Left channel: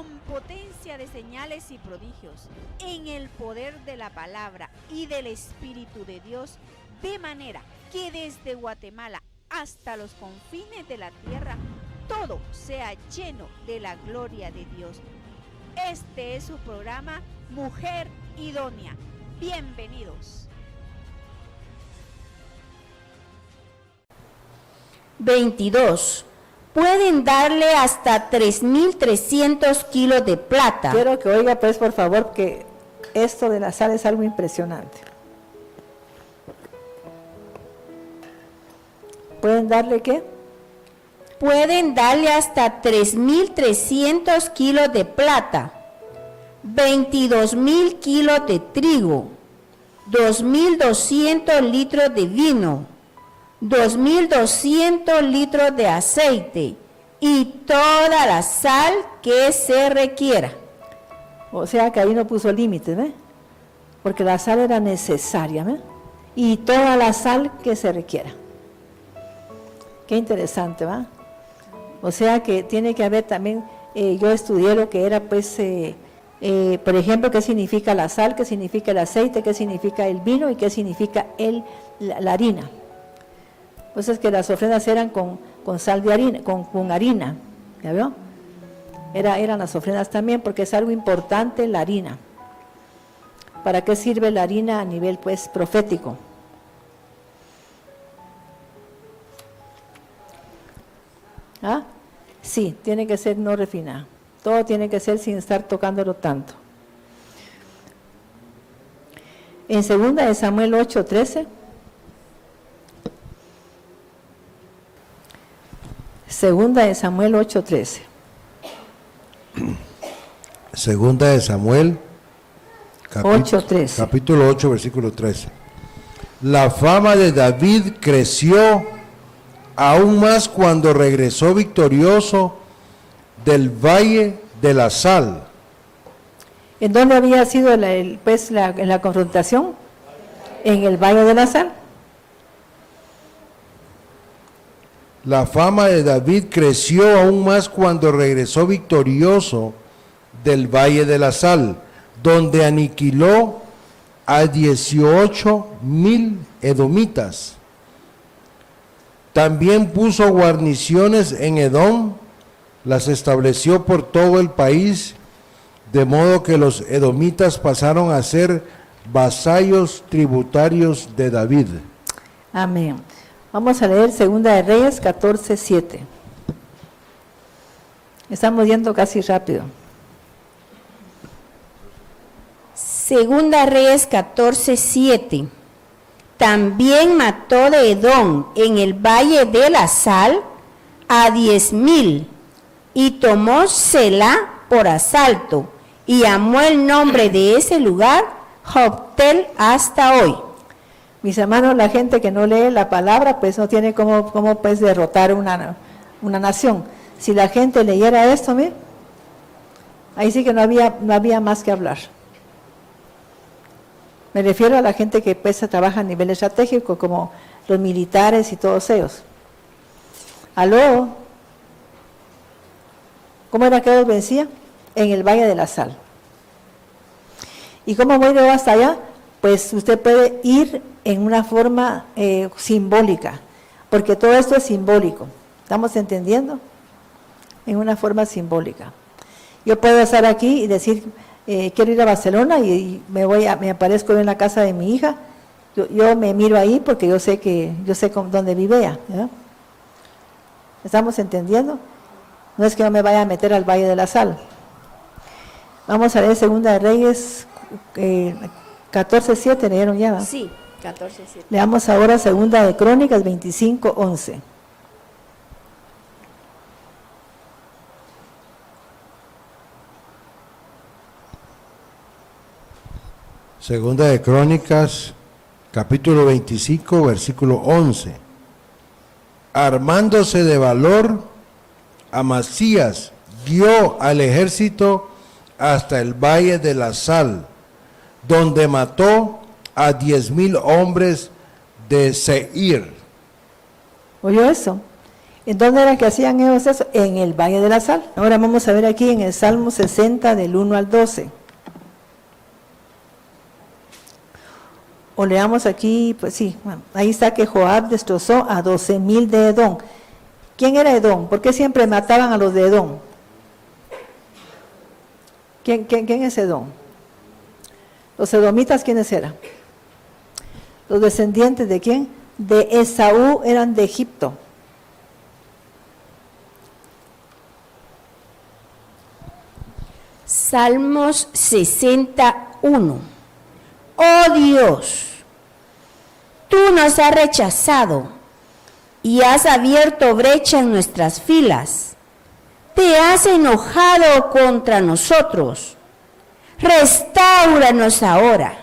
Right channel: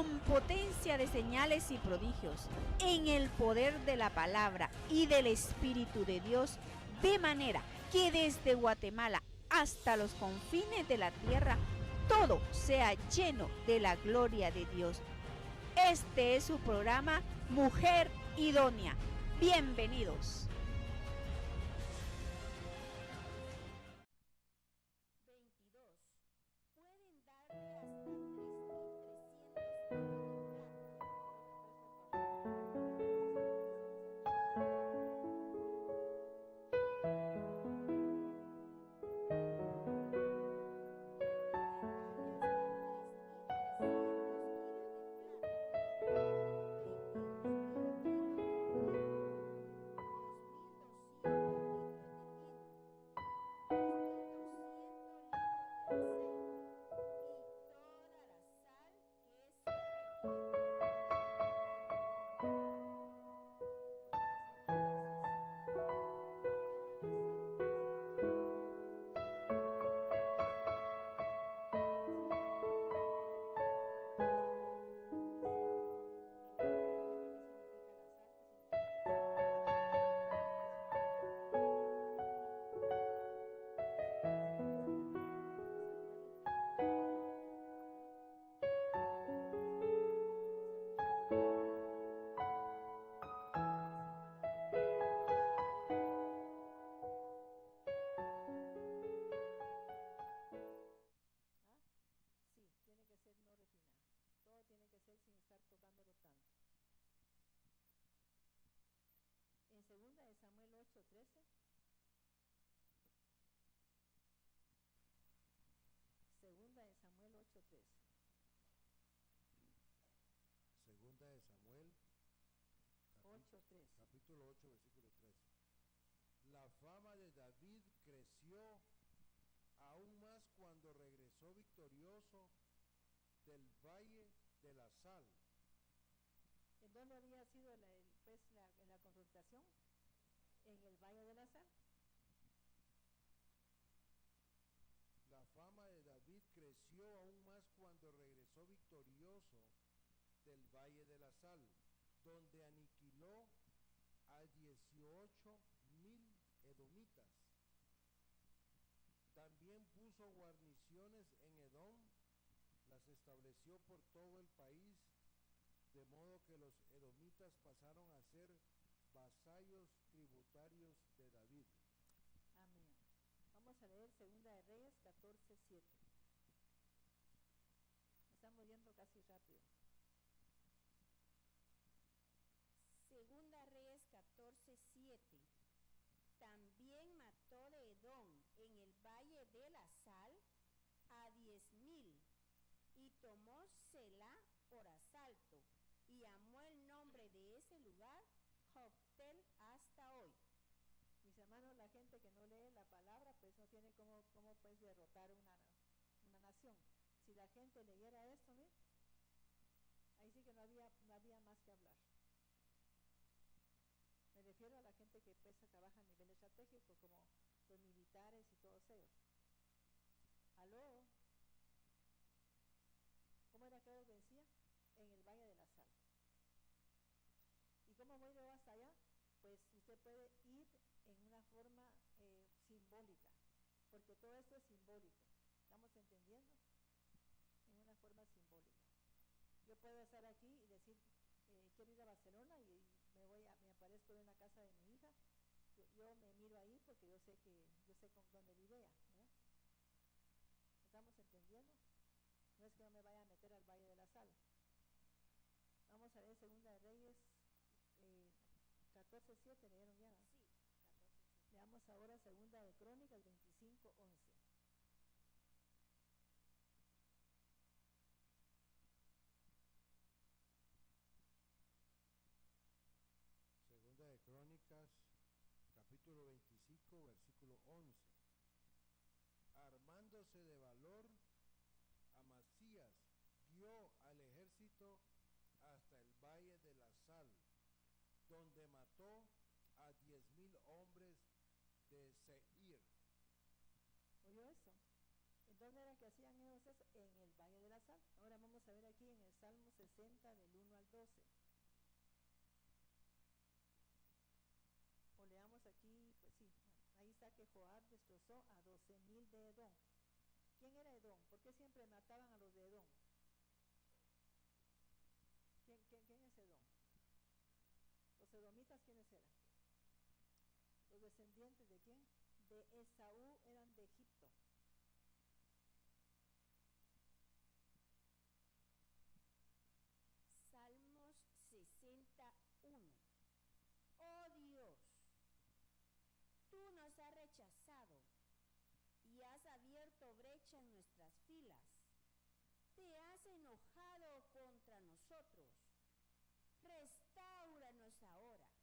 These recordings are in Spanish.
con potencia de señales y prodigios, en el poder de la palabra y del Espíritu de Dios, de manera que desde Guatemala hasta los confines de la tierra, todo sea lleno de la gloria de Dios. Este es su programa Mujer Idónea. Bienvenidos. 22. Pueden darle hasta 3.300 kilos de plata. Quiero que oiga, pues, por favor, que esto de la sal es algo impresionante. ¿Pueden darle qué? Pueden darle hasta 3.300 kilos de plata, 22.000 kilos de trigo, 2.200 litros de vino, 2.200 litros de aceite y toda la sal que se requiera. O sea que ahí no puso límites, ¿ve? Porque la sal era necesaria, ¿ve? Y toda la sal que se requiera. Qué interesante, ¿va? O sea que tiene que haber también, yo estudié lo que era, pues, por ejemplo, qué significa la sal, qué significa el aceite, qué significa el vino y qué significa la harina. Pues es que las ofrendas eran con sal de harina, con harina, ¿ya vio? Eran las ofrendas también porque es algo importante la harina. ¿Para qué sirve la harina a nivel, pues, profético? ¿Ah? Sí, tiene que ser no refinado. Todo tiene que ser sin estar tocándolo tanto. En 2 de Samuel 8:13. 2 de Samuel 8:13. 2 de Samuel, 8:13. capítulo 8, versículo 13. La fama de David creció aún más cuando regresó victorioso del Valle de la Sal. ¿En dónde había sido la confrontación? En el Valle de la Sal. La fama de David creció aún más cuando regresó victorioso del Valle de la Sal, donde aniquiló a 18,000 edomitas. También puso guarniciones en Edom, las estableció por todo el país, de modo que los edomitas pasaron a ser vasallos tributarios de David. Amén. Vamos a leer 2 de Reyes 14:7. Estamos yendo casi rápido. 2 Reyes 14:7. También mató de Edom en el Valle de la Sal a 10,000 y tomó Selá por asalto y llamó el nombre de ese lugar Joctel hasta hoy. Mis hermanos, la gente que no lee la palabra, pues no tiene cómo pues derrotar una nación. Si la gente leyera esto, mire, ahí sí que no había más que hablar. Me refiero a la gente que pues trabaja a nivel estratégico, como los militares y todos ellos. ¿Aló? ¿Cómo era que los vencía? En el Valle de la Sal. ¿Y cómo voy yo hasta allá? Pues usted puede ir en una forma simbólica, porque todo esto es simbólico. ¿Estamos entendiendo? En una forma simbólica. Yo puedo estar aquí y decir, quiero ir a Barcelona y me aparezco en la casa de mi hija. Yo me miro ahí porque yo sé dónde vive ella, ¿verdad? ¿Estamos entendiendo? No es que no me vaya a meter al Valle de la Sal. Vamos a leer 2 de Reyes 14:7, ¿leyeron ya? ¿Va? Sí, 14:7. Leamos ahora 2 de Crónicas 25:11. Segunda de Crónicas, capítulo 25, versículo 11. Armándose de valor, Amasías guió al ejército hasta el Valle de la Sal, donde mató a 10,000 hombres de Seir. ¿Oyó eso? ¿En dónde era que hacían ellos eso? En el Valle de la Sal. Ahora vamos a ver aquí en el Salmo 60 del 1 al 12. O leamos aquí, pues sí, bueno, ahí está que Joab destrozó a 12,000 de Edom. ¿Quién era Edom? ¿Por qué siempre mataban a los de Edom? ¿Quién es Edom? Los edomitas, ¿quiénes eran? Los descendientes de quién? De Esaú, eran de Egipto. Salmos 61. Oh Dios, tú nos has rechazado y has abierto brecha en nuestras filas. Te has enojado contra nosotros. Restáuranos ahora.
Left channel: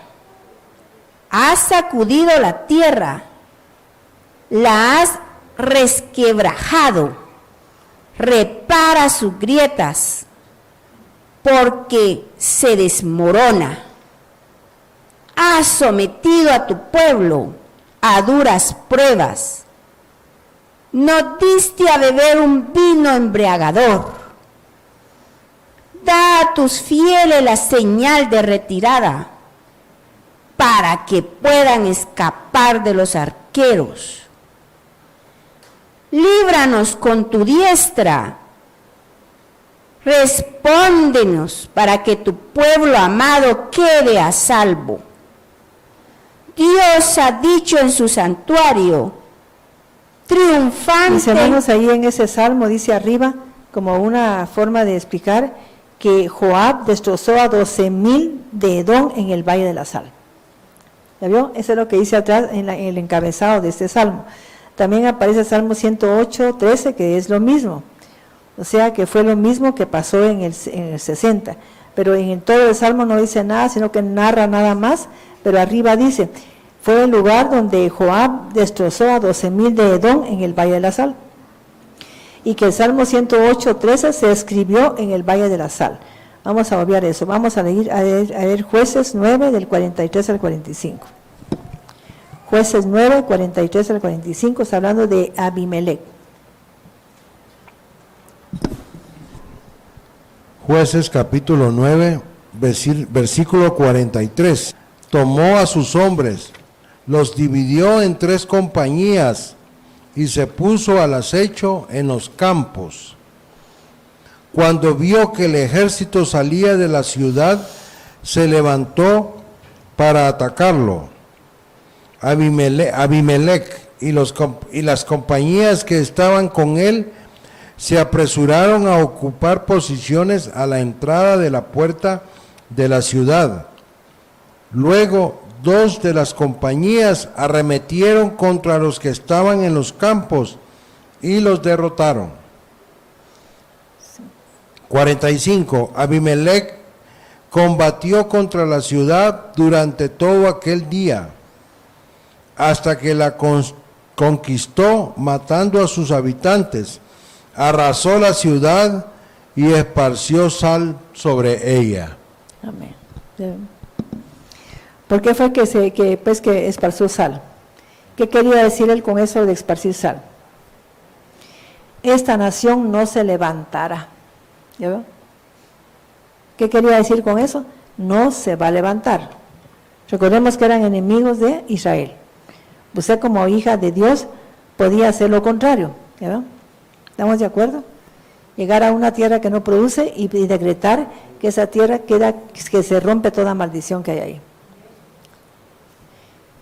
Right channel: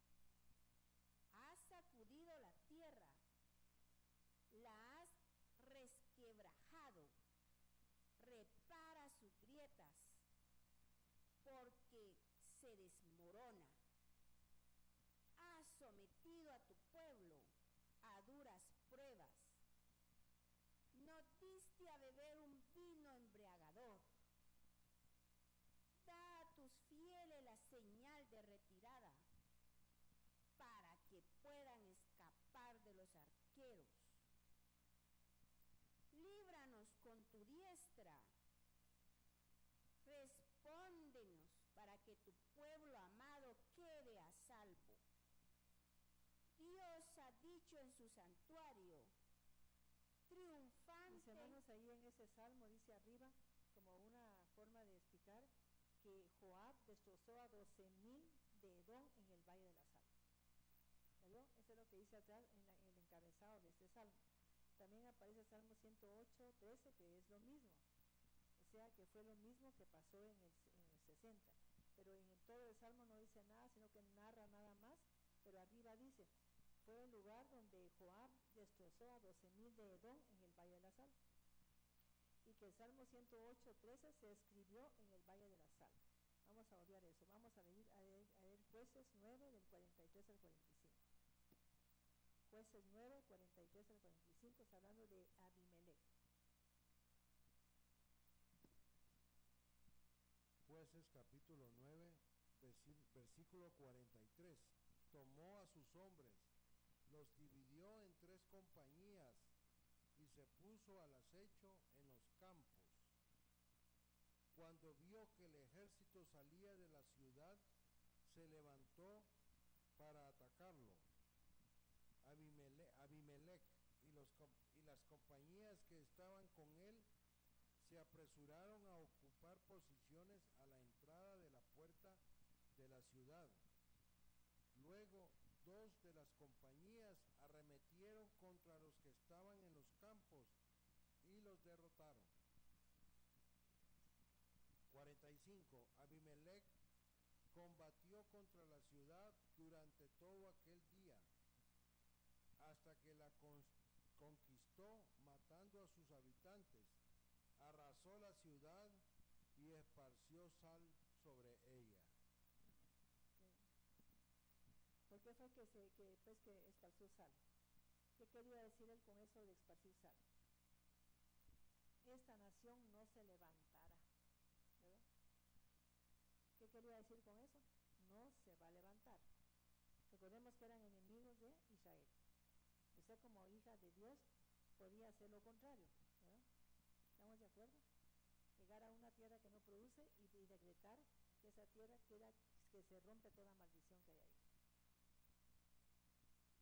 Has sacudido la tierra, la has resquebrajado. Repara sus grietas, porque se desmorona. Has sometido a tu pueblo a duras pruebas. No diste a beber un vino embriagador. Da a tus fieles la señal de retirada, para que puedan escapar de los arqueros. Líbranos con tu diestra. Respóndenos para que tu pueblo amado quede a salvo. Dios ha dicho en su santuario, triunfante. Mis hermanos, ahí en ese salmo dice arriba, como una forma de explicar, que Joab destrozó a 12,000 de Edom en el Valle de la Sal. ¿Ya vio? Eso es lo que dice atrás en el encabezado de este salmo. También aparece el Salmo 108, 13, que es lo mismo. O sea, que fue lo mismo que pasó en el 60. Pero en todo el salmo no dice nada, sino que narra nada más. Pero arriba dice, fue el lugar donde Joab destrozó a 12,000 de Edom en el Valle de la Sal. Y que el Salmo 108, 13 se escribió en el Valle de la Sal. Vamos a obviar eso. Vamos a leer Jueces 9, del 43 al 45. Jueces 9, 43 al 45, está hablando de Abimelech. Jueces capítulo 9, versículo 43. Tomó a sus hombres, los dividió en 3 compañías y se puso al acecho en los campos. Cuando vio que el ejército salía de la ciudad, se levantó para atacarlo. Abimelech y las compañías que estaban con él se apresuraron a ocupar posiciones a la entrada de la puerta de la ciudad. Luego 2 de las compañías arremetieron contra los que estaban en los campos y los derrotaron. 45. Abimelech combatió contra la ciudad durante todo aquel día, hasta que la conquistó, matando a sus habitantes. Arrasó la ciudad y esparció sal sobre ella. Amén. ¿Por qué fue que esparció sal? ¿Qué quería decir él con eso de esparcir sal? Esta nación no se levantará. ¿Ya veo? ¿Qué quería decir con eso? No se va a levantar. Recordemos que eran enemigos de Israel. Usted como hija de Dios podía hacer lo contrario. ¿Ya veo? ¿Estamos de acuerdo? Llegar a una tierra que no produce y decretar que esa tierra que se rompe toda maldición que hay ahí.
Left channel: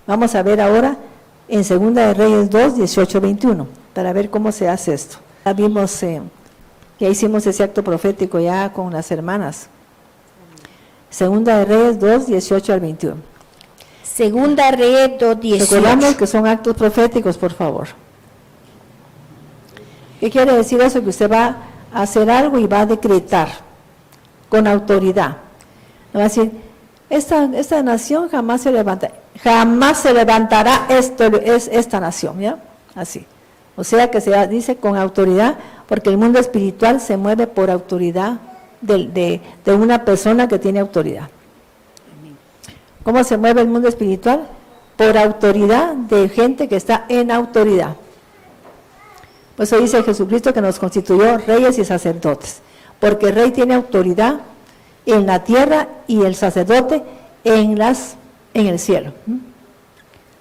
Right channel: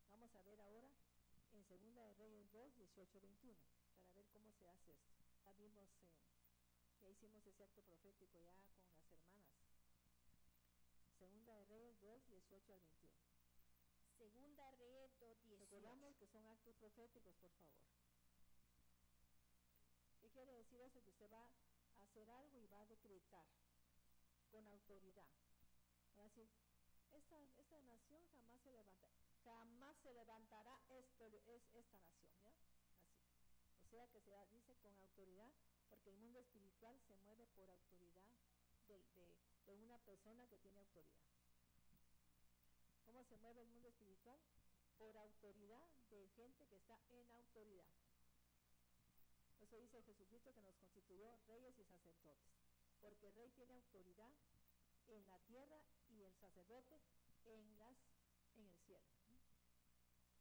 Vamos a ver ahora en 2 de Reyes 2, 18, 21, para ver cómo se hace esto. Ya vimos, ya hicimos ese acto profético ya con las hermanas. 2 de Reyes 2, 18 al 21. 2 Reyes 2, 18. Recordamos que son actos proféticos, por favor. ¿Qué quiere decir eso? Que usted va a hacer algo y va a decretar con autoridad. Va a decir, esta nación jamás se levantará esta nación, ¿ya? Así. O sea que se dice con autoridad, porque el mundo espiritual se mueve por autoridad de una persona que tiene autoridad. ¿Cómo se mueve el mundo espiritual? Por autoridad de gente que está en autoridad. Por eso dice Jesucristo que nos constituyó reyes y sacerdotes, porque el rey tiene autoridad en la tierra y el sacerdote en el cielo.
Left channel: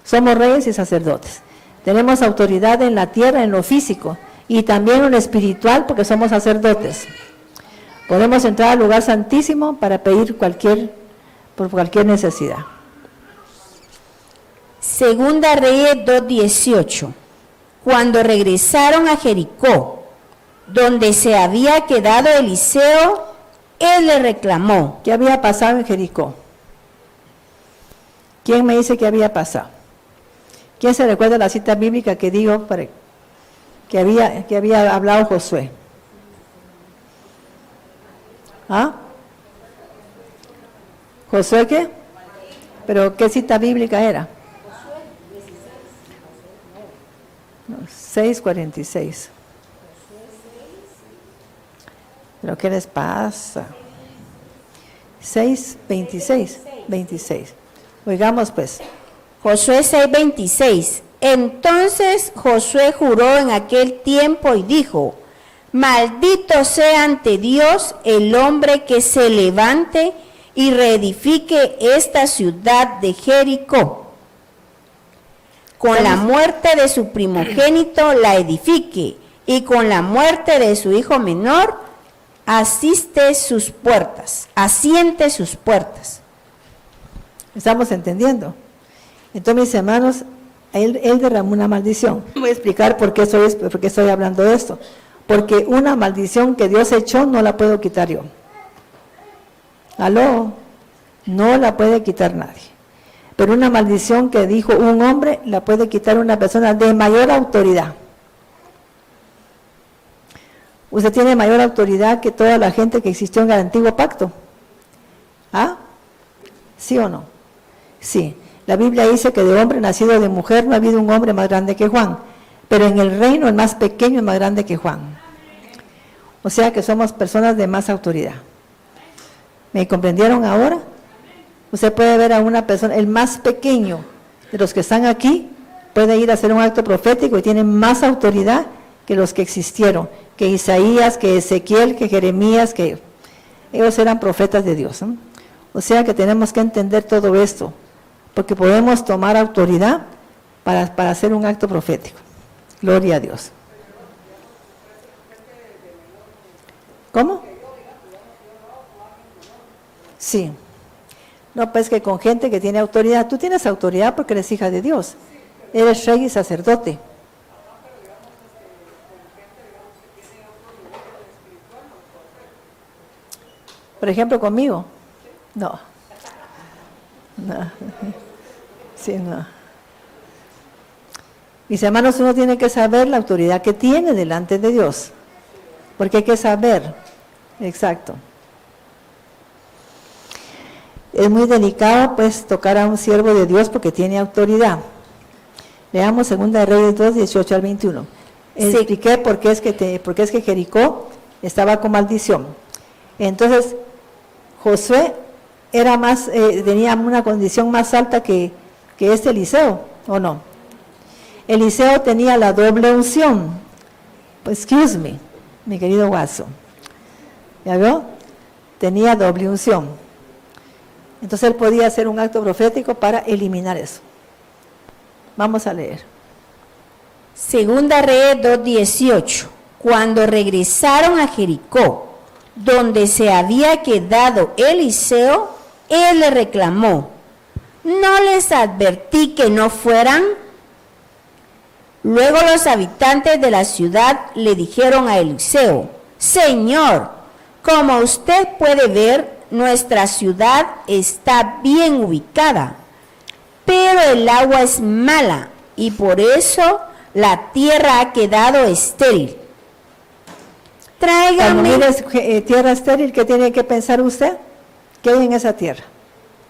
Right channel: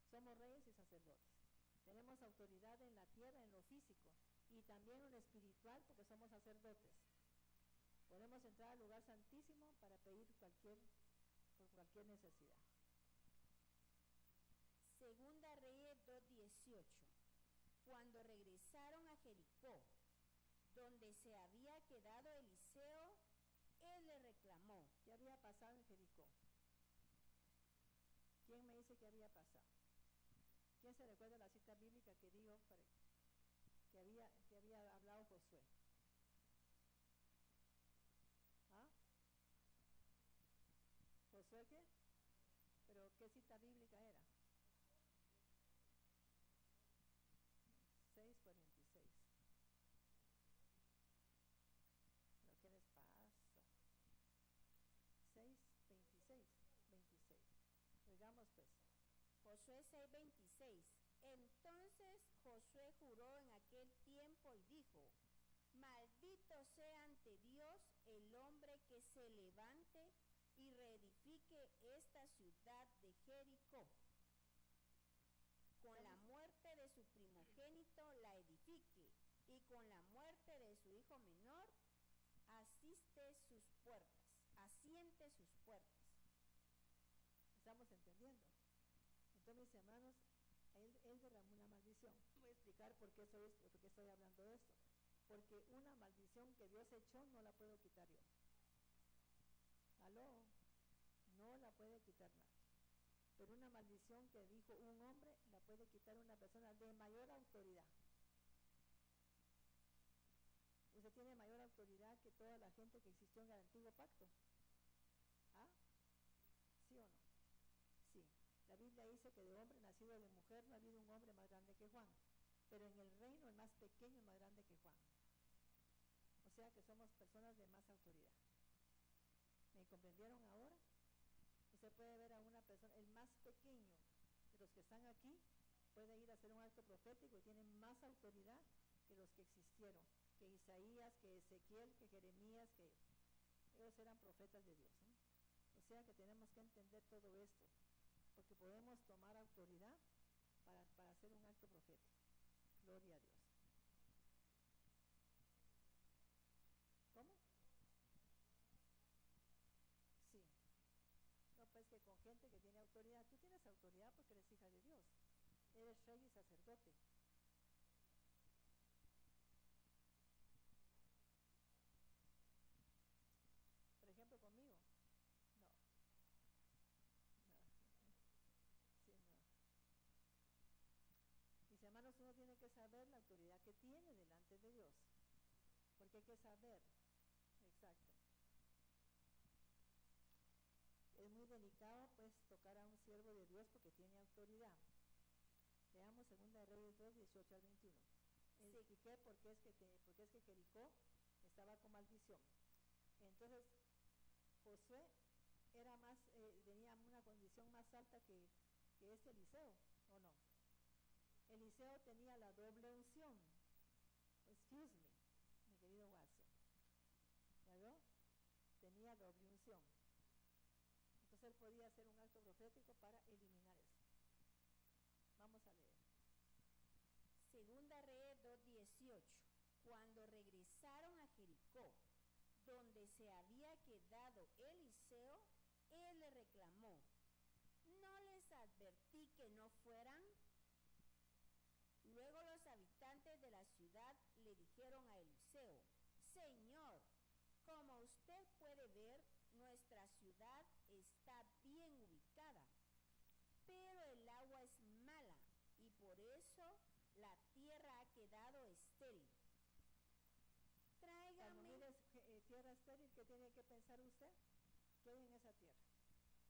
Somos reyes y sacerdotes. Tenemos autoridad en la tierra, en lo físico, y también en lo espiritual, porque somos sacerdotes. Podemos entrar al lugar santísimo para pedir por cualquier necesidad. Segunda Reyes 2:18. Cuando regresaron a Jericó, donde se había quedado Eliseo, él le reclamó. ¿Qué había pasado en Jericó? ¿Quién me dice qué había pasado? ¿Quién se recuerda la cita bíblica que digo que había hablado Josué? ¿Ah? ¿Josué qué? ¿Pero qué cita bíblica era? 6:46. ¿Pero qué les pasa? 6:26. 26. Oigamos pues. Josué 6:26. Entonces Josué juró en aquel tiempo y dijo: maldito sea ante Dios el hombre que se levante y reedifique esta ciudad de Jericó. Con la muerte de su primogénito la edifique, y con la muerte de su hijo menor asiente sus puertas. ¿Estamos entendiendo? Entonces, mis hermanos, él derramó una maldición. Voy a explicar por qué estoy hablando de esto. Porque una maldición que Dios echó no la puedo quitar yo. ¿Aló? No la puede quitar nadie. Pero una maldición que dijo un hombre la puede quitar una persona de mayor autoridad. Usted tiene mayor autoridad que toda la gente que existió en el antiguo pacto. ¿Ah? ¿Sí o no? Sí. La Biblia dice que de hombre nacido de mujer no ha habido un hombre más grande que Juan. Pero en el reino el más pequeño es más grande que Juan. O sea que somos personas de más autoridad. ¿Me comprendieron ahora? Usted puede ver a una persona, el más pequeño de los que están aquí, puede ir a hacer un acto profético y tiene más autoridad que los que existieron, que Isaías, que Ezequiel, que Jeremías, que ellos eran profetas de Dios, ¿no? O sea que tenemos que entender todo esto, porque podemos tomar autoridad para hacer un acto profético. Gloria a Dios. ¿Cómo? Sí. No, pues que con gente que tiene autoridad. Tú tienes autoridad porque eres hija de Dios. Eres rey y sacerdote. Por ejemplo, conmigo. No. No. Sí, no. Mis hermanos, uno tiene que saber la autoridad que tiene delante de Dios. Porque hay que saber. Exacto. Es muy delicado, pues, tocar a un siervo de Dios porque tiene autoridad. Leamos 2 Reyes 2, 18 al 21. Sí. Expliqué por qué es que Jericó estaba con maldición. Entonces, Josué tenía una condición más alta que Eliseo, ¿o no? Eliseo tenía la doble unción. Pues, excuse me, mi querido Watson. ¿Ya vio? Tenía doble unción. Entonces él podía hacer un acto profético para eliminar eso. Vamos a leer. Segunda Reyes 2:18. Cuando regresaron a Jericó, donde se había quedado Eliseo, él le reclamó: ¿no les advertí que no fueran? Luego los habitantes de la ciudad le dijeron a Eliseo: Señor, como usted puede ver, nuestra ciudad está bien ubicada, pero el agua es mala y por eso la tierra ha quedado estéril. Cuando Tráigame. mire tierra estéril, ¿qué tiene que pensar usted? ¿Qué hay en esa tierra?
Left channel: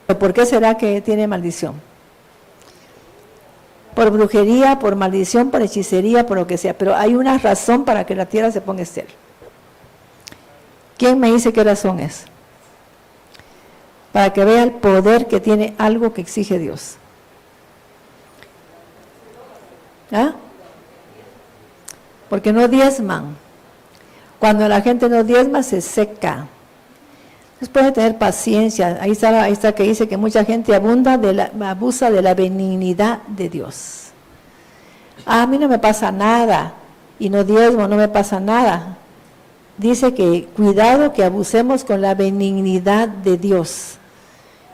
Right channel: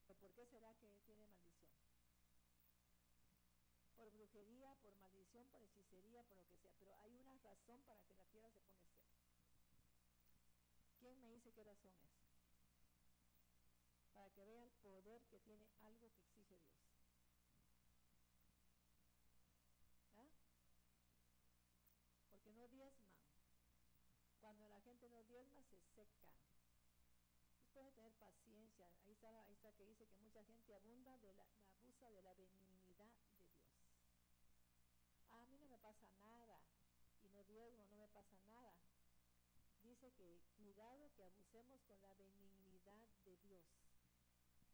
¿Por qué será que tiene maldición? Por brujería, por maldición, por hechicería, por lo que sea, pero hay una razón para que la tierra se ponga estéril. ¿Quién me dice qué razón es? Para que vea el poder que tiene algo que exige Dios. ¿Ah? porque no diezman. Cuando la gente no diezma, se seca. Entonces puede tener paciencia. Ahí está que dice que mucha gente abusa de la benignidad de Dios. A mí no me pasa nada, y no diezmo, no me pasa nada. Dice que cuidado que abusemos con la benignidad de Dios.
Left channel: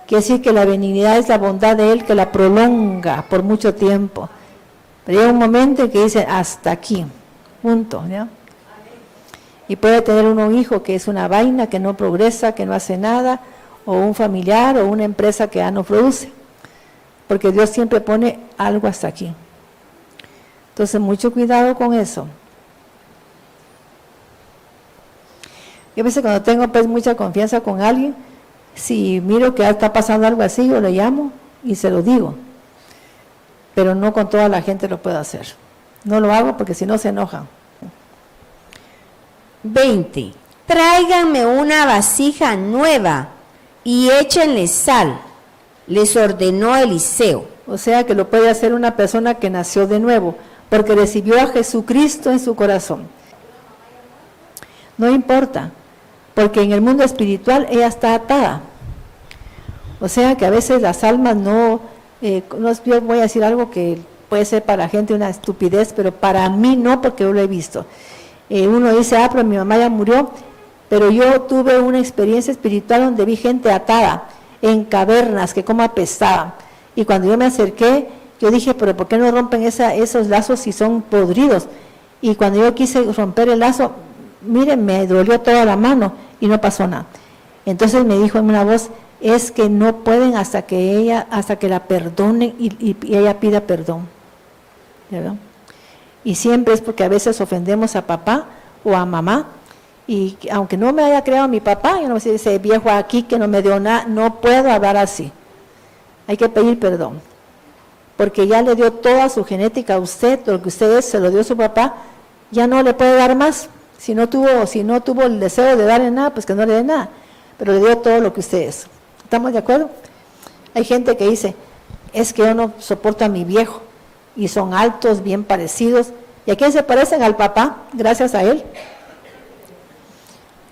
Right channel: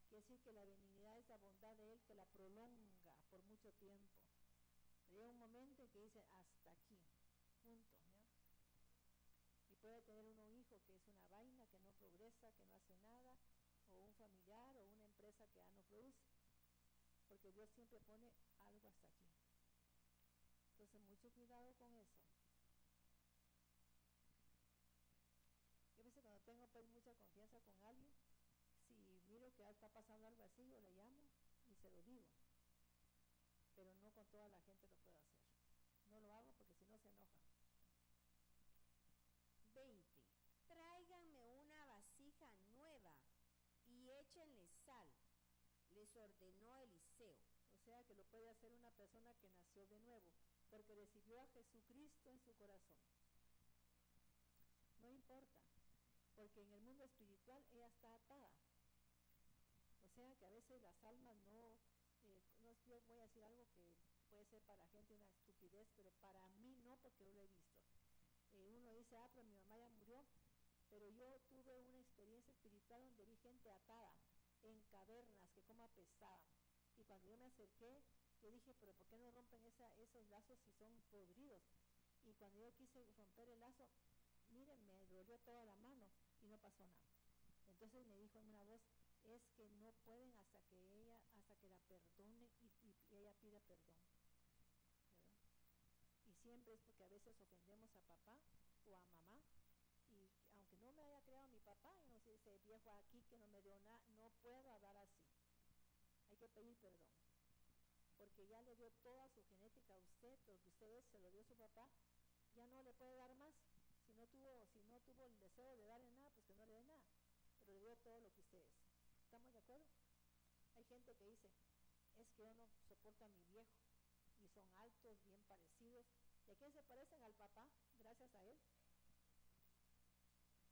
Quiere decir que la benignidad es la bondad de Él que la prolonga por mucho tiempo. Pero llega un momento en que dice hasta aquí, punto, ¿no? Y puede tener un hijo que es una vaina, que no progresa, que no hace nada, o un familiar o una empresa que ya no produce. Porque Dios siempre pone algo hasta aquí. Entonces, mucho cuidado con eso. Yo a veces cuando tengo pues mucha confianza con alguien, si miro que está pasando algo así, yo lo llamo y se lo digo. Pero no con toda la gente lo puedo hacer. No lo hago porque si no se enojan. 20. Tráiganme una vasija nueva y échenle sal, les ordenó Eliseo. O sea que lo puede hacer una persona que nació de nuevo, porque recibió a Jesucristo en su corazón. No importa, porque en el mundo espiritual ella está atada. O sea que a veces las almas yo voy a decir algo que puede ser para la gente una estupidez, pero para mí no, porque yo lo he visto. Uno dice, pero mi mamá ya murió, pero yo tuve una experiencia espiritual donde vi gente atada en cavernas que como apestaban. Y cuando yo me acerqué, yo dije, pero ¿por qué no rompen esos lazos si son podridos? Y cuando yo quise romper el lazo, miren, me dolió toda la mano y no pasó nada. Entonces me dijo en una voz, es que no pueden hasta que la perdonen y ella pida perdón. ¿Verdad? Y siempre es porque a veces ofendemos a papá o a mamá, y aunque no me haya creado mi papá, yo no sé, ese viejo aquí que no me dio nada, no puedo hablar así. Hay que pedir perdón, porque ya le dio toda su genética a usted, lo que usted es, se lo dio su papá, ya no le puede dar más. Si no tuvo el deseo de darle nada, pues que no le dé nada, pero le dio todo lo que usted es. ¿Estamos de acuerdo? Hay gente que dice, es que yo no soporto a mi viejo, y son altos, bien parecidos. ¿Y a quién se parecen? Al papá, gracias a él.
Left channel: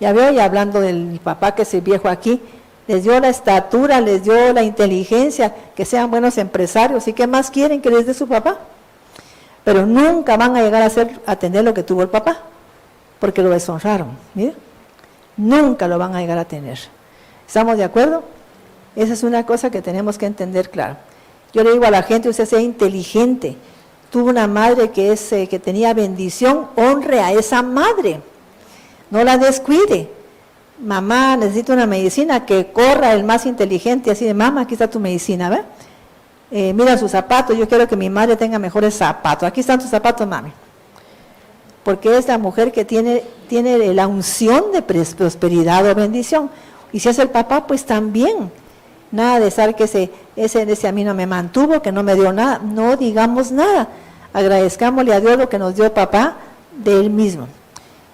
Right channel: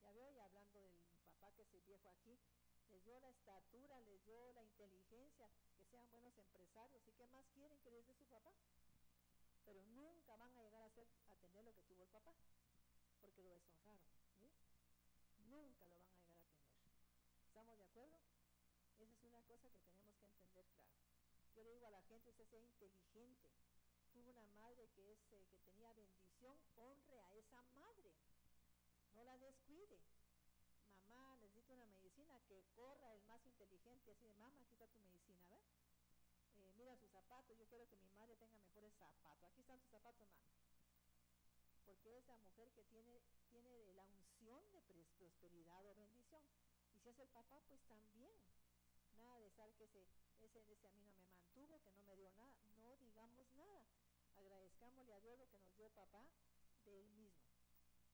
Ya veo, ya hablando del papá que es el viejo aquí, les dio la estatura, les dio la inteligencia, que sean buenos empresarios. ¿Y qué más quieren que les dé su papá? Pero nunca van a llegar a tener lo que tuvo el papá, porque lo deshonraron. ¿Mira? Nunca lo van a llegar a tener. ¿Estamos de acuerdo? Esa es una cosa que tenemos que entender claro. Yo le digo a la gente, usted sea inteligente, tuvo una madre que tenía bendición, honre a esa madre, no la descuide. Mamá, necesito una medicina, que corra el más inteligente, así de, mamá, aquí está tu medicina, ¿ve? Mira sus zapatos, yo quiero que mi madre tenga mejores zapatos, aquí están tus zapatos, mami. Porque es la mujer que tiene la unción de prosperidad o bendición. Y si es el papá, pues también. Nada de saber que ese a mí no me mantuvo, que no me dio nada. No digamos nada. Agradezcámosle a Dios lo que nos dio papá de Él mismo.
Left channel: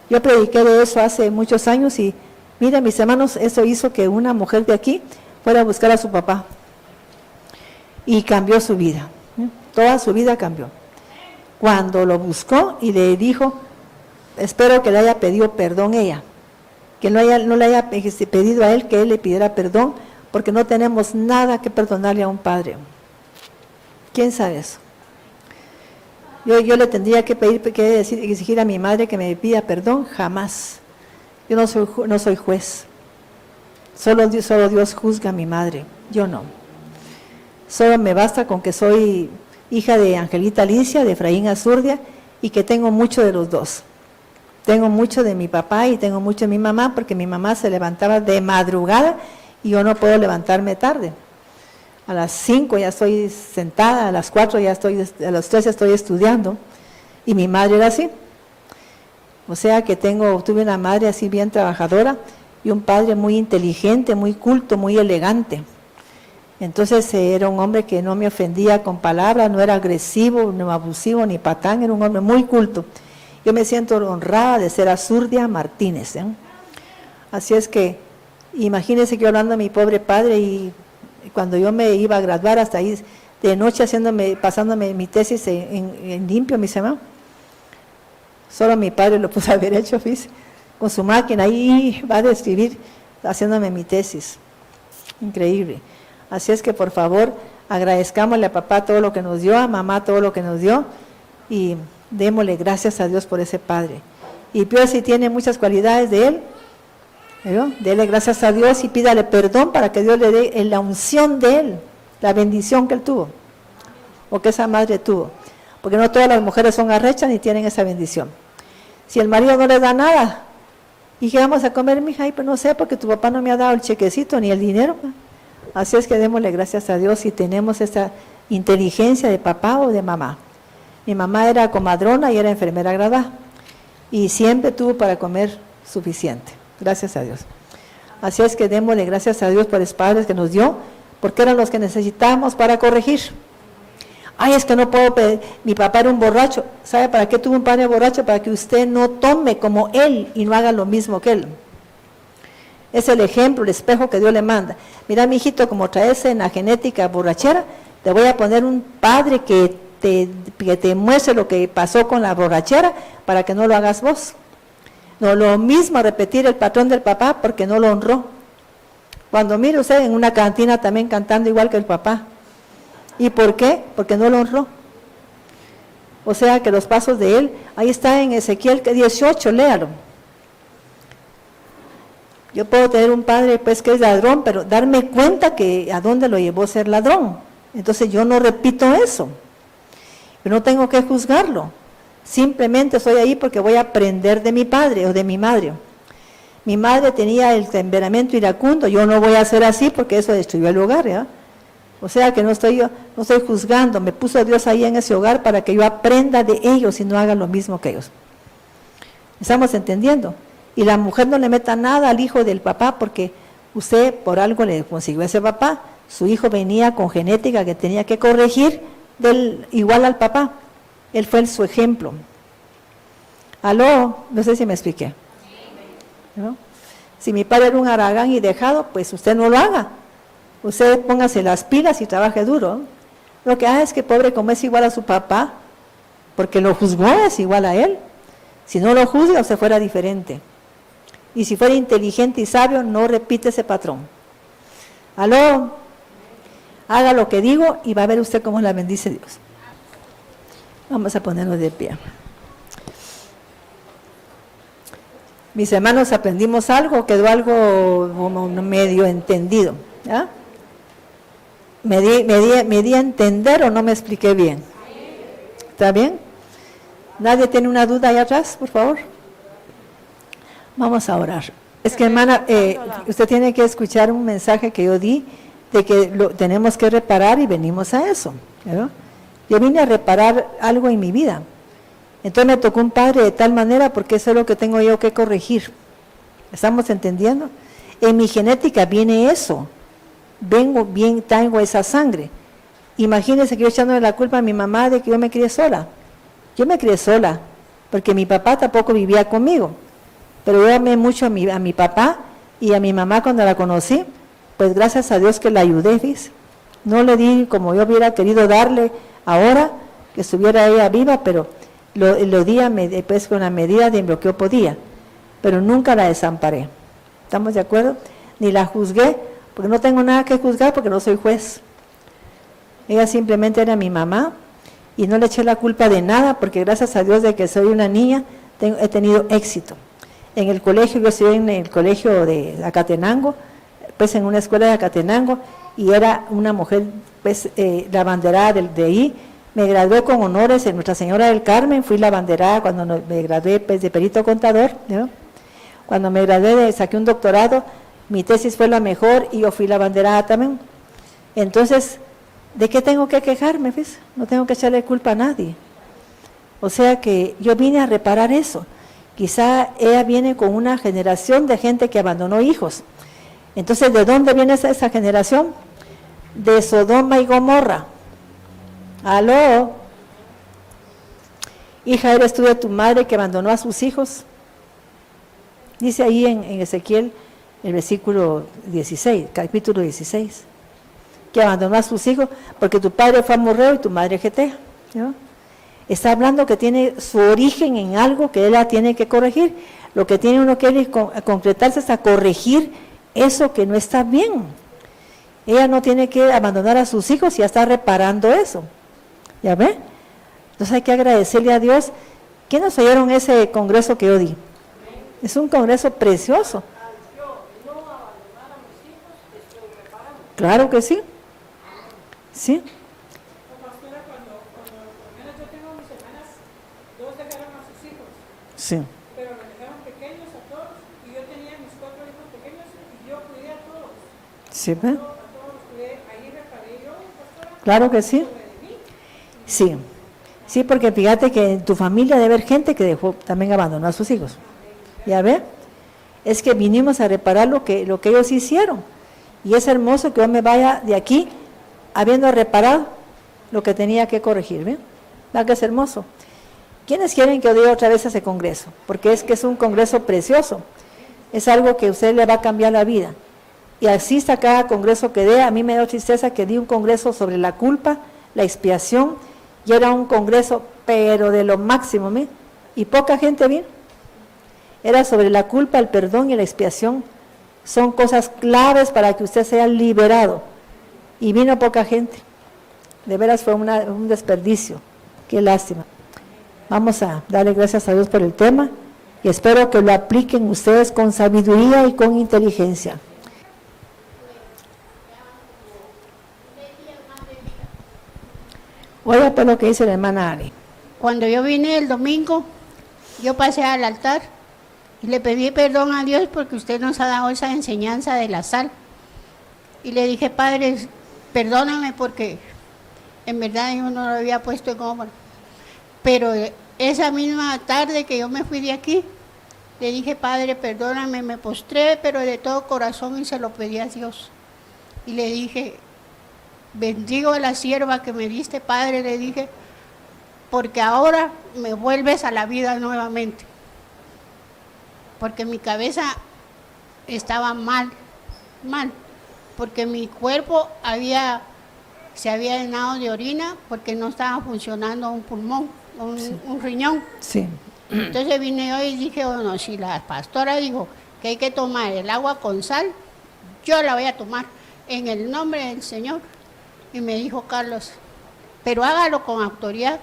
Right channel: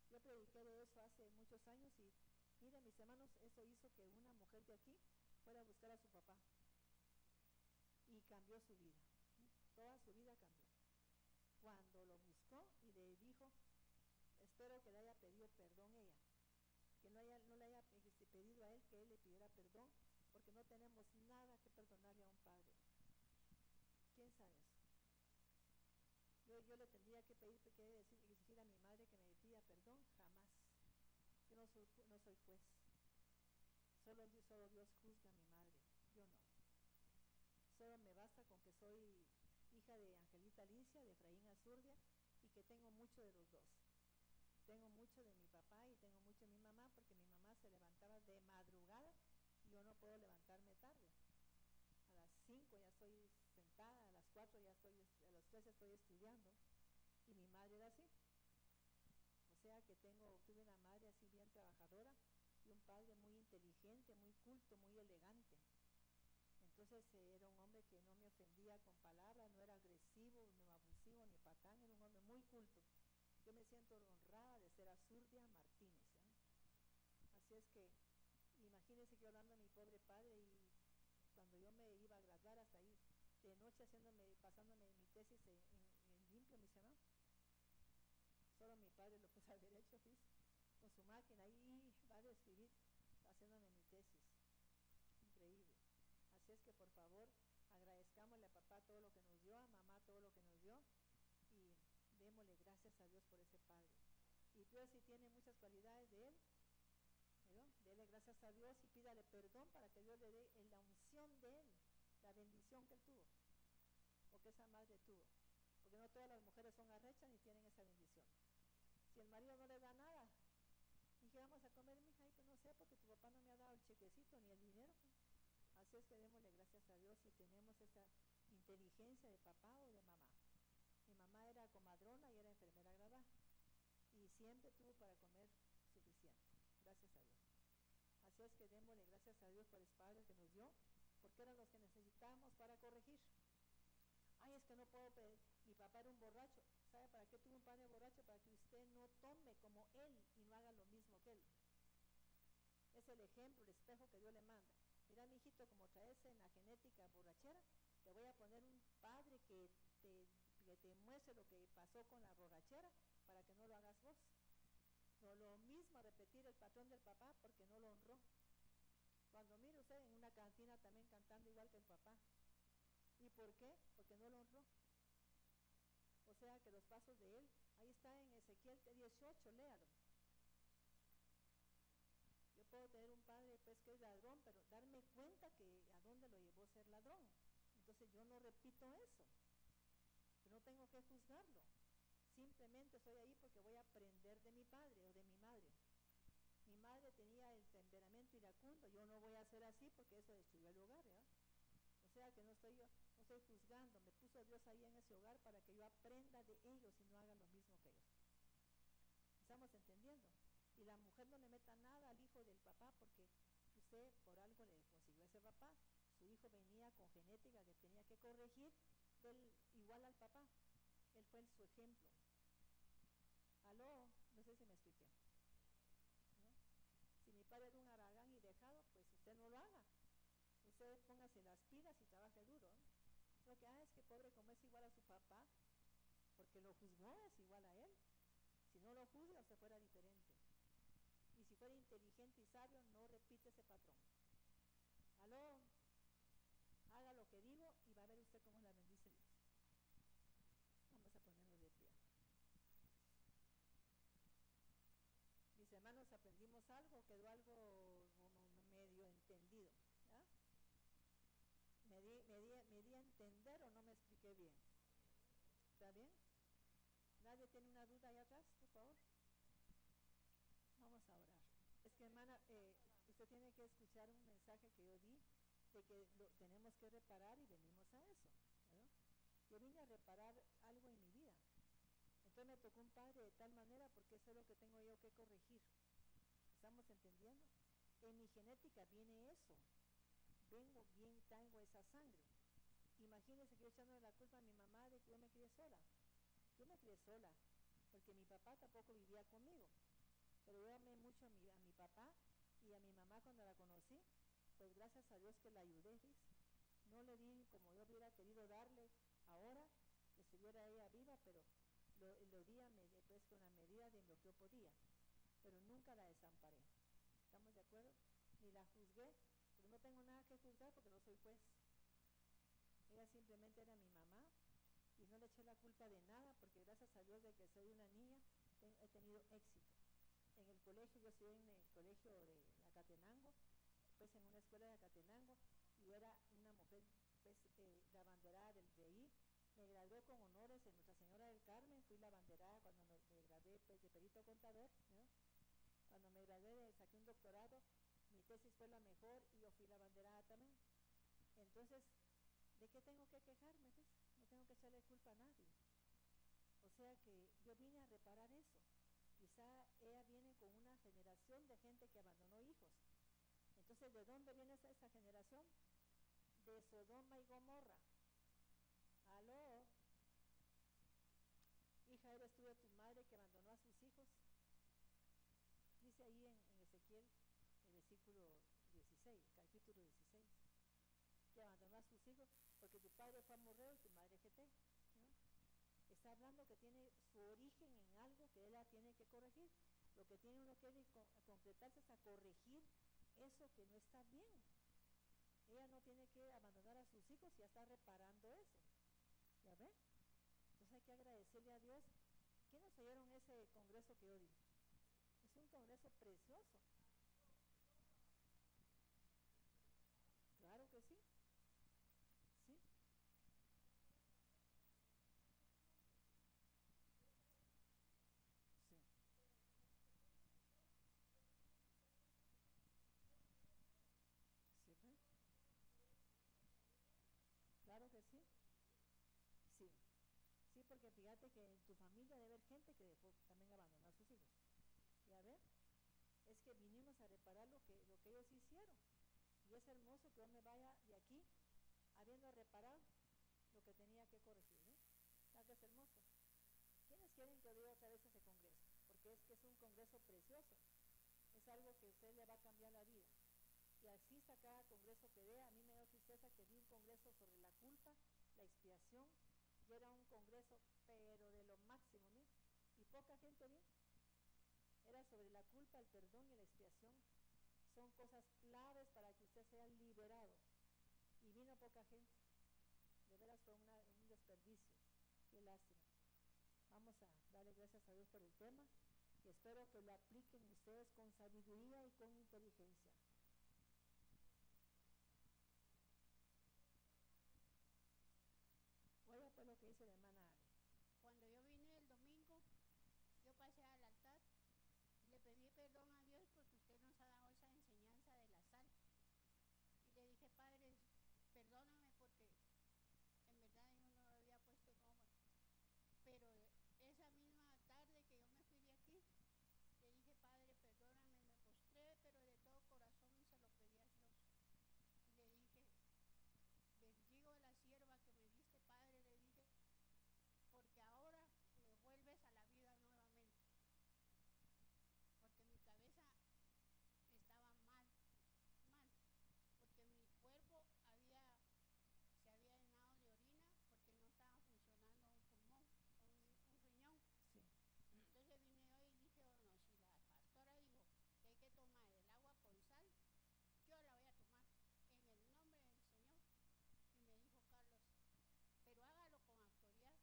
Yo prediqué de eso hace muchos años y, miren mis hermanos, eso hizo que una mujer de aquí fuera a buscar a su papá. Y cambió su vida. Toda su vida cambió. Cuando lo buscó y le dijo, espero que le haya pedido perdón ella. Que no le haya pedido a él que él le pidiera perdón, porque no tenemos nada que perdonarle a un padre. ¿Quién sabe eso? Yo le tendría que exigir a mi madre que me pida perdón, jamás. Yo no soy juez. Solo Dios juzga a mi madre, yo no. Solo me basta con que soy hija de Angelita Alicia, de Efraín Azurdia, y que tengo mucho de los dos. Tengo mucho de mi papá y tengo mucho de mi mamá, porque mi mamá se levantaba de madrugada y yo no puedo levantarme tarde. A las 5 ya estoy sentada, a las 4 ya a las 3 ya estoy estudiando, y mi madre era así. O sea que tuve una madre así bien trabajadora y un padre muy inteligente, muy culto, muy elegante. Entonces era un hombre que no me ofendía con palabras, no era agresivo, no abusivo, ni patán, era un hombre muy culto. Yo me siento honrada de ser Azurdia Martínez. Así es que, imagínense que yo hablando a mi pobre padre, y cuando yo me iba a graduar hasta ahí, de noche pasándome mi tesis en limpio, mis hermanos, Solo mi padre lo pudo haber hecho, fíjese, con su máquina, ahí va a describir, haciéndome mi tesis. Increíble. Así es que, por favor, agradezcámosle a papá todo lo que nos dio, a mamá todo lo que nos dio, y démosle gracias a Dios por ese padre. Y Pío, si tiene muchas cualidades de él, ¿no? Dele gracias a Dios y pídale perdón para que Dios le dé la unción de él, la bendición que él tuvo, o que esa madre tuvo. Porque no todas las mujeres son arrechas ni tienen esa bendición. Si el marido no le da nada, ¿y qué vamos a comer, mija? Ay, pues no sé, porque tu papá no me ha dado el chequecito ni el dinero. Así es que démosle gracias a Dios si tenemos esa inteligencia de papá o de mamá. Mi mamá era comadrona y era enfermera graduada, y siempre tuvo para comer suficiente. Gracias a Dios. Así es que démosle gracias a Dios por los padres que nos dio, porque eran los que necesitábamos para corregir. Ay, es que no puedo pedir, mi papá era un borracho. ¿Sabe para qué tuvo un padre borracho? Para que usted no tome como él y no haga lo mismo que él. Es el ejemplo, el espejo que Dios le manda. Mira, mi hijito, como traes en la genética borrachera, te voy a poner un padre que te muestre lo que pasó con la borrachera para que no lo hagas vos. No lo mismo repetir el patrón del papá porque no lo honró. Cuando mire usted en una cantina también cantando igual que el papá. ¿Y por qué? Porque no lo honró. O sea que los pasos de él, ahí está en Ezequiel 18, léalo. Yo puedo tener un padre pues que es ladrón, pero darme cuenta que a dónde lo llevó a ser ladrón. Entonces yo no repito eso. Yo no tengo que juzgarlo. Simplemente estoy ahí porque voy a aprender de mi padre o de mi madre. Mi madre tenía el temperamento iracundo, yo no voy a hacer así porque eso destruyó el hogar, ¿ya? O sea que no estoy juzgando, me puso Dios ahí en ese hogar para que yo aprenda de ellos y no haga lo mismo que ellos. ¿Estamos entendiendo? Y la mujer no le meta nada al hijo del papá porque usted por algo le consiguió ese papá, su hijo venía con genética que tenía que corregir igual al papá. Él fue su ejemplo. ¿Aló? No sé si me expliqué. ¿No? Si mi padre era un haragán y dejado, pues usted no lo haga. Usted póngase las pilas y trabaje duro. Lo que hace es que pobre, como es igual a su papá, porque lo juzgó, es igual a él. Si no lo juzga, usted fuera diferente. Y si fuera inteligente y sabio, no repite ese patrón. ¿Aló? Haga lo que digo y va a ver usted cómo la bendice Dios. Vamos a ponernos de pie. Mis hermanos, ¿aprendimos algo? ¿Quedó algo como medio entendido? ¿Ya? ¿Me di a entender o no me expliqué bien? ¿Está bien? ¿Nadie tiene una duda ahí atrás, por favor? Vamos a orar. Es que, hermana, usted tiene que escuchar un mensaje que yo di de que tenemos que reparar y venimos a eso. ¿No? Yo vine a reparar algo en mi vida. Entonces me tocó un padre de tal manera porque eso es lo que tengo yo que corregir. ¿Estamos entendiendo? En mi genética viene eso. Tengo esa sangre. Imagínense que yo echándole la culpa a mi mamá de que yo me crié sola. Yo me crié sola, porque mi papá tampoco vivía conmigo. Pero yo amé mucho a mi papá y a mi mamá cuando la conocí, pues gracias a Dios que la ayudé, ¿ves? No le di como yo hubiera querido darle ahora, que estuviera ella viva, pero lo di pues, con la medida de lo que yo podía. Pero nunca la desamparé. ¿Estamos de acuerdo? Ni la juzgué, porque no tengo nada que juzgar porque no soy juez. Ella simplemente era mi mamá y no le eché la culpa de nada porque gracias a Dios de que soy una niña he tenido éxito. En el colegio, yo estudié en el colegio de Acatenango, pues en una escuela de Acatenango y era una mujer, pues la abanderada de ahí. Me gradué con honores en Nuestra Señora del Carmen, fui la abanderada cuando me gradué pues, de perito contador, ¿no? Cuando me gradué saqué un doctorado, mi tesis fue la mejor y yo fui la abanderada también. Entonces, ¿de qué tengo que quejarme? ¿Ves? No tengo que echarle culpa a nadie. O sea que yo vine a reparar eso. Quizá ella viene con una generación de gente que abandonó hijos. Entonces, ¿de dónde viene esa generación? De Sodoma y Gomorra. ¿Aló? Hija, ¿eres tú de tu madre que abandonó a sus hijos? Dice ahí en Ezequiel, el versículo 16, capítulo 16, que abandonó a sus hijos porque tu padre fue amorreo y tu madre getea, ¿no? Está hablando que tiene su origen en algo que él la tiene que corregir. Lo que tiene uno que ir concretarse es a corregir eso que no está bien. Ella no tiene que abandonar a sus hijos y ya está reparando eso. ¿Ya ve? Entonces hay que agradecerle a Dios. ¿Quiénes oyeron ese congreso que yo di? Es un congreso precioso. Claro que sí. Sí. Sí. Pero me dejaron pequeños a todos y yo tenía mis 4 hijos pequeños y yo cuidé a todos. Sí, ¿ve? A todos los cuidé, ahí reparé yo, pastora. Claro que sí. Sí. Sí, porque fíjate que en tu familia debe haber gente que dejó, también abandonó a sus hijos. ¿Ya ve? Es que vinimos a reparar lo que ellos hicieron. Y es hermoso que yo me vaya de aquí habiendo reparado lo que tenía que corregir, ¿ve? ¿Verdad que es hermoso? ¿Quiénes quieren que yo diga otra vez ese congreso? Porque es que es un congreso precioso. Es algo que a usted le va a cambiar la vida. Y asista a cada congreso que dé. A mí me da tristeza que di un congreso sobre la culpa, la expiación, y era un congreso, pero de lo máximo, ¿me? Y poca gente vino. Era sobre la culpa, el perdón y la expiación. Son cosas claves para que usted sea liberado. Y vino poca gente. De veras fue un desperdicio. Qué lástima. Vamos a darle gracias a Dios por el tema y espero que lo apliquen ustedes con sabiduría y con inteligencia. Oiga pues lo que dice la hermana Ari. Cuando yo vine el domingo, yo pasé al altar y le pedí perdón a Dios porque usted nos ha dado esa enseñanza de la sal. Y le dije, Padre, perdóname porque en verdad yo no lo había puesto en obra. Pero esa misma tarde que yo me fui de aquí, le dije, Padre, perdóname, me postré, pero de todo corazón y se lo pedí a Dios. Y le dije, bendigo a la sierva que me diste, Padre, le dije, porque ahora me vuelves a la vida nuevamente. Porque mi cabeza estaba mal, porque mi cuerpo se había llenado de orina porque no estaba funcionando un pulmón, un riñón. Sí. Entonces vine yo y dije, bueno, si la pastora dijo que hay que tomar el agua con sal, yo la voy a tomar en el nombre del Señor. Y me dijo Carlos, pero hágalo con autoridad.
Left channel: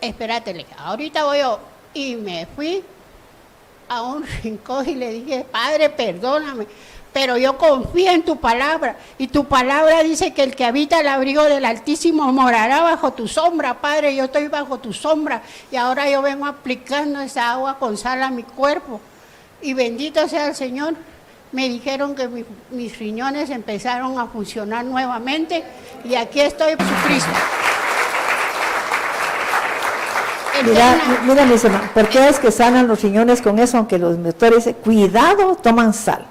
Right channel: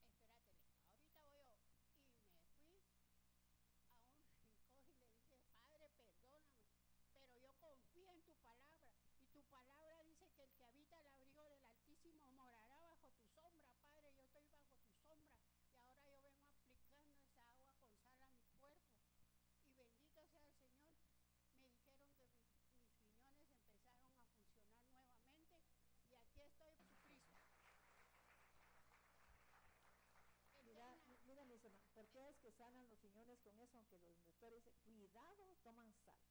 Espérate, le dije, ahorita voy yo. Y me fui a un rincón y le dije, Padre, perdóname, pero yo confío en tu palabra. Y tu palabra dice que el que habita el abrigo del Altísimo morará bajo tu sombra, Padre. Yo estoy bajo tu sombra y ahora yo vengo aplicando esa agua con sal a mi cuerpo. Y bendito sea el Señor. Me dijeron que mis riñones empezaron a funcionar nuevamente y aquí estoy, Jesucristo. Mira, mis hermanos, ¿por qué es que sanan los riñones con eso? Aunque los doctores dicen, cuidado, toman sal.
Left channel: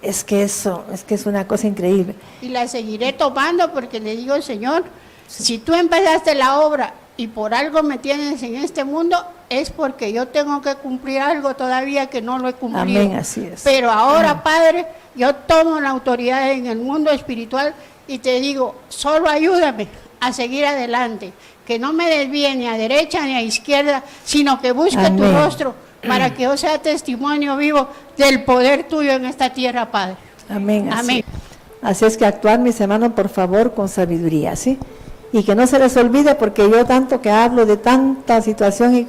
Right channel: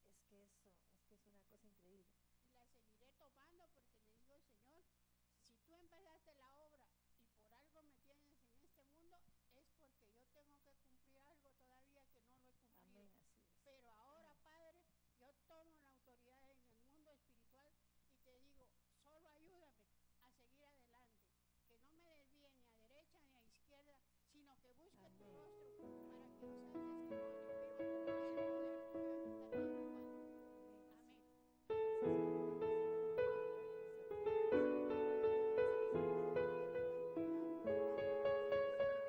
Es que es una cosa increíble. Y la seguiré tomando porque le digo, Señor, si tú empezaste la obra y por algo me tienes en este mundo, es porque yo tengo que cumplir algo todavía que no lo he cumplido. Amén, así es. Pero ahora, Padre, yo tomo la autoridad en el mundo espiritual y te digo, solo ayúdame a seguir adelante, que no me desvíe ni a derecha ni a izquierda, sino que busque tu rostro para que yo sea testimonio vivo del poder tuyo en esta tierra, Padre. Amén. Amén. Así es que actuar, mis hermanos, por favor, con sabiduría, ¿sí? Y que no se les olvide, porque yo tanto que hablo de tanta situación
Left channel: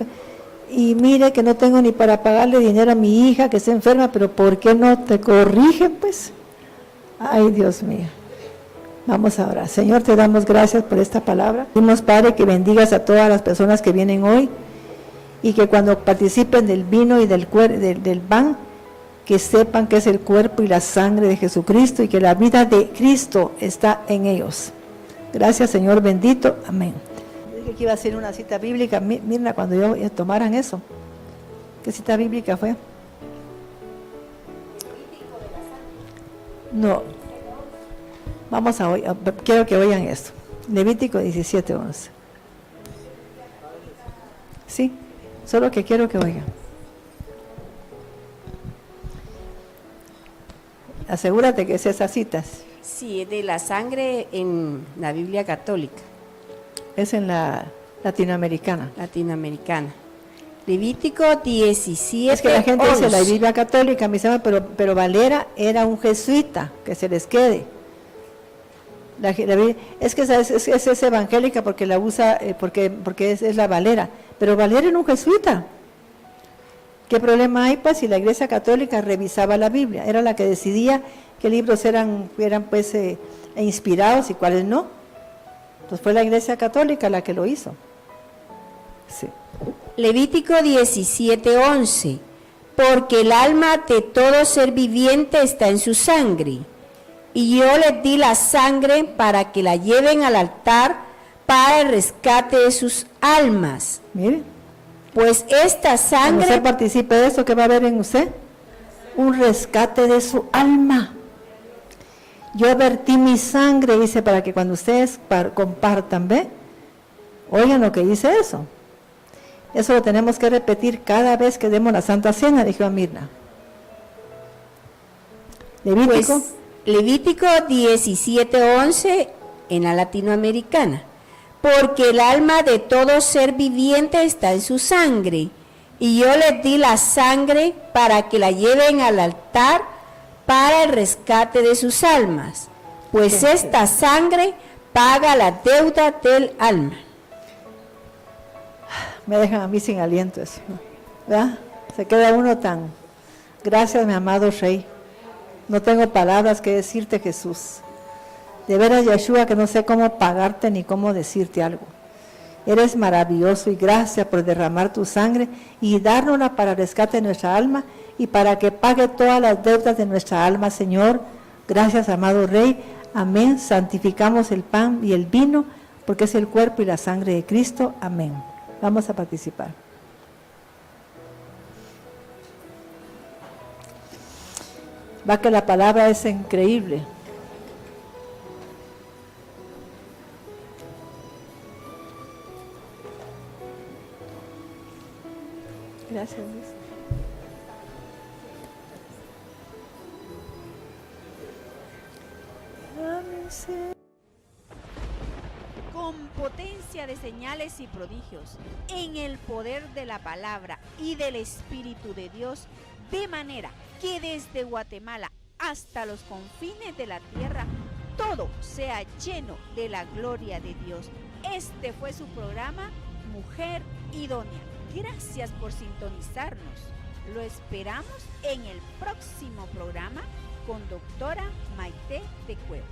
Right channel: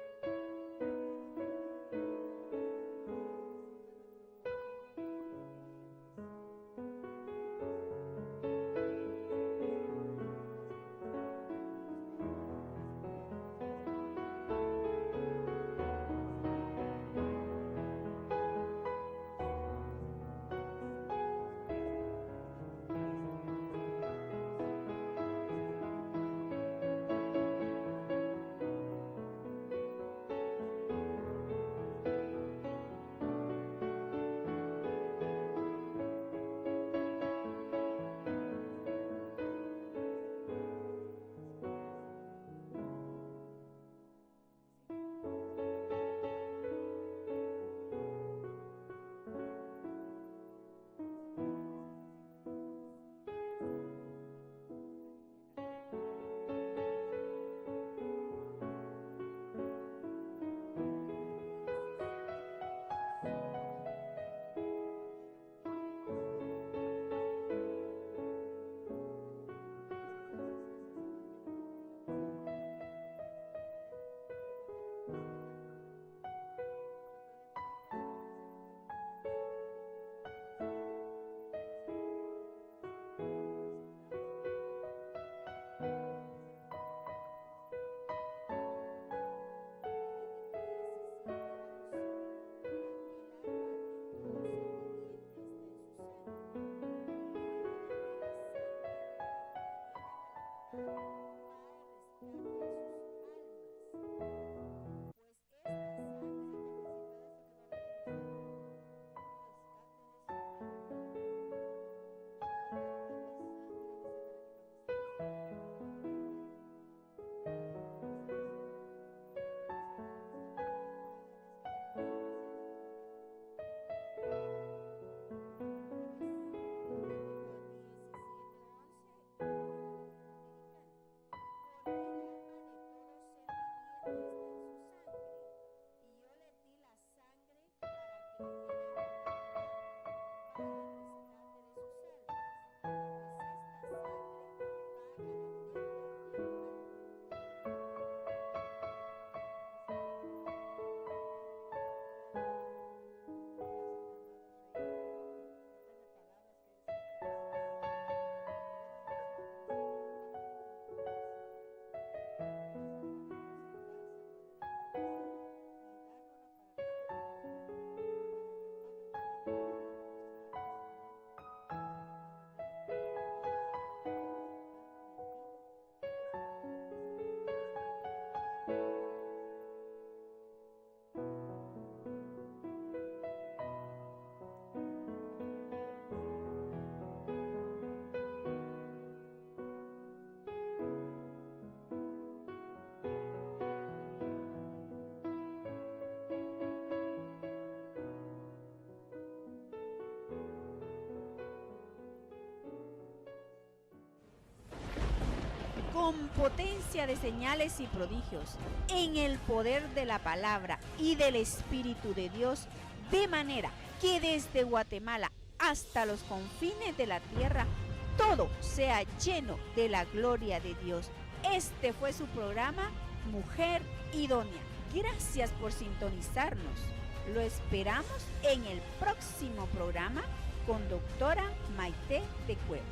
y mire que no tengo ni para pagarle dinero a mi hija que está enferma, pero ¿por qué no te corrigen, pues? Ay, Dios mío. Vamos ahora. Señor, te damos gracias por esta palabra. Pedimos, Padre, que bendigas a todas las personas que vienen hoy y que cuando participen del vino y del pan, que sepan que es el cuerpo y la sangre de Jesucristo y que la vida de Cristo está en ellos. Gracias, Señor bendito. Amén. Dije que iba a ser una cita bíblica. Mira, cuando yo tomaran eso. ¿Qué cita bíblica fue? No. Vamos a oír. Quiero que oigan esto. Levítico 17:11. Sí, solo que quiero que oigan. Asegúrate que es esas citas. Sí, es de la sangre en la Biblia católica. Es en la latinoamericana. latinoamericana. Levítico 17. Es que la gente dice la 11. Biblia católica, mis hermanos, pero Valera era un jesuita, que se les quede. Es que es evangélica porque la usa, porque es la Valera, pero Valera era un jesuita. ¿Qué problema hay? Pues si la Iglesia Católica revisaba la Biblia, era la que decidía qué libros eran pues inspirados y cuáles no. Pues fue la Iglesia Católica la que lo hizo. Sí. Levítico 17:11. Porque el alma de todo ser viviente está en su sangre, y yo les di la sangre para que la lleven al altar para el rescate de sus almas. Mire, Pues esta cuando sangre usted participe de eso, ¿qué va a haber en usted? Un rescate de su alma. Yo vertí mi sangre, dice, para que cuando ustedes compartan, ¿ve? Oigan lo que dice eso. Eso lo tenemos que repetir cada vez que demos la Santa Cena, dijo a Mirna. Levítico. Pues, Levítico 17:11 en la latinoamericana. Porque el alma de todo ser viviente está en su sangre, y yo les di la sangre para que la lleven al altar para el rescate de sus almas. Pues esta sangre paga la deuda del alma. Me dejan a mí sin aliento eso, ¿verdad? Se queda uno tan, gracias mi amado Rey, no tengo palabras que decirte, Jesús. De veras, Yeshua, que no sé cómo pagarte ni cómo decirte algo. Eres maravilloso y gracias por derramar tu sangre y dárnosla para el rescate de nuestra alma y para que pague todas las deudas de nuestra alma, Señor. Gracias, amado Rey. Amén. Santificamos el pan y el vino porque es el cuerpo y la sangre de Cristo. Amén. Vamos a participar. Va que la palabra es increíble. Gracias, Luis. Con potencia de señales y prodigios, en el poder de la palabra y del Espíritu de Dios, de manera que desde Guatemala hasta los confines de la tierra, todo sea lleno de la gloria de Dios. Este fue su programa, Mujer Idónea. Gracias por sintonizarnos. Lo esperamos en el próximo programa con doctora Maite de Cuevas.